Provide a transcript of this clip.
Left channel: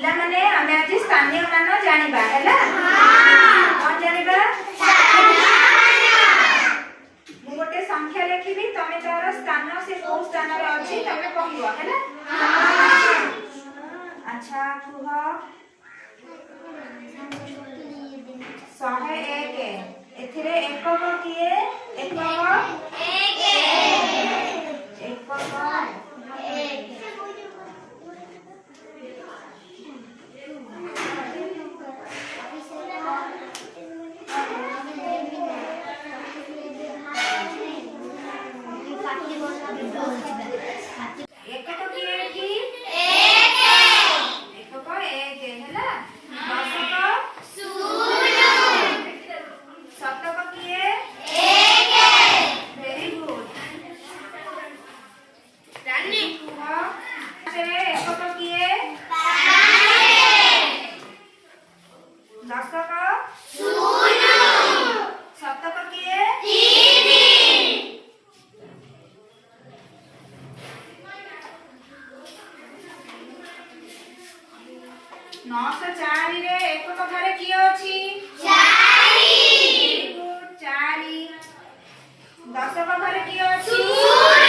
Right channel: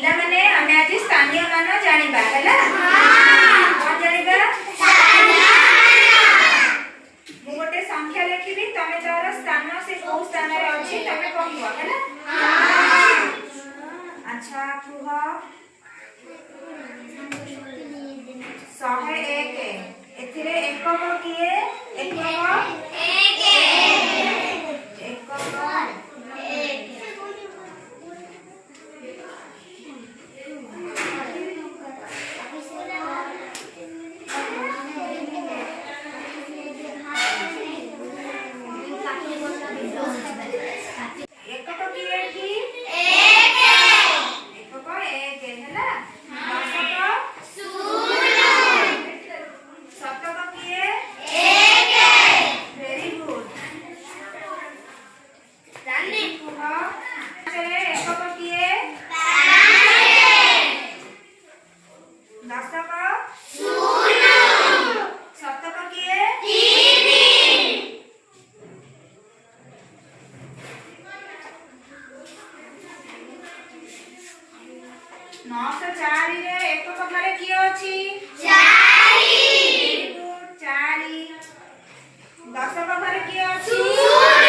पिला माने हमें आज स्थानीय मान जानिबा हैला हां जानिबा मु गोटे संख्या लिखिबी तमे तार स्थान से को स्थान रे अछि तमे कहबो हैला हां अच्छा कुह 101 एथिरे एकक किए एकक नौश चारि रे एकक घरे किए अछि चारि चारि दशक घरे किए अछि